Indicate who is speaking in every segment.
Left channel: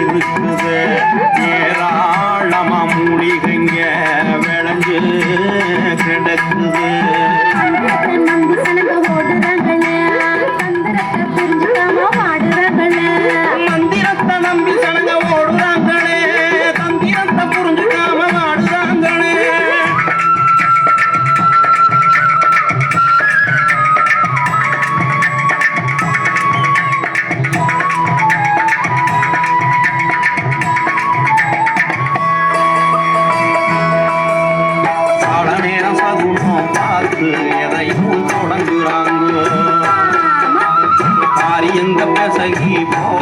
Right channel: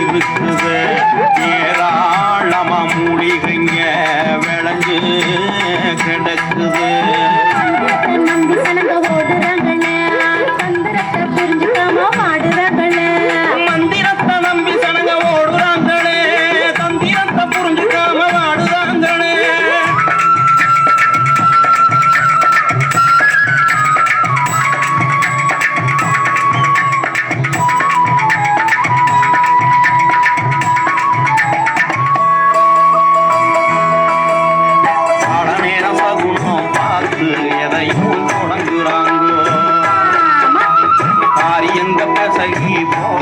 Speaker 1: இருக்குது ஏராளமா மூலிகைங்க விளைஞ்சு கிடக்குது.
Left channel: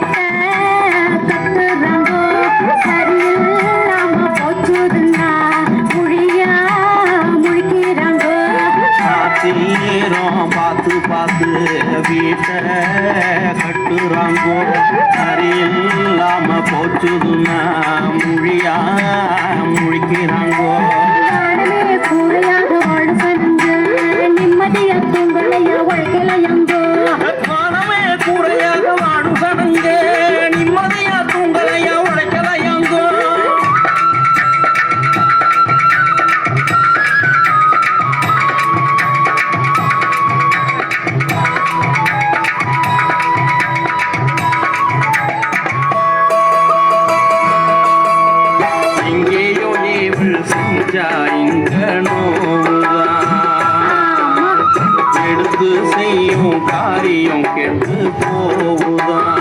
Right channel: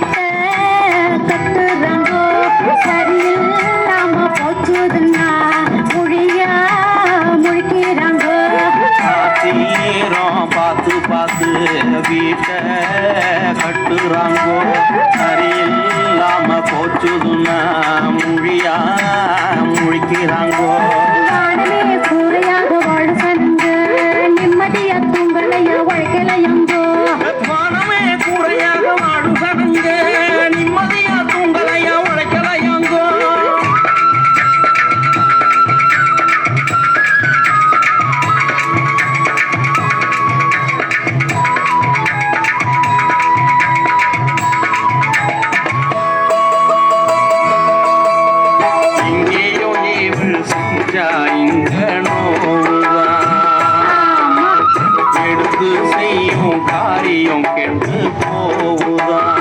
Speaker 2: கட்டிட்ட கட்டுறங்கோ சரியில் நாம
Speaker 1: போச்சுதுன்னா மொழியா முழிக்கிறாங்கோ
Speaker 2: நேரம் பார்த்து பார்த்து வீட்டை கட்டுறாங்கோ சரியில்லாம போச்சுதுன்னா மொழியா முழிக்கிறாங்கோ எடுத்து செய்யும் காரியம் கெட்டு போகுதான்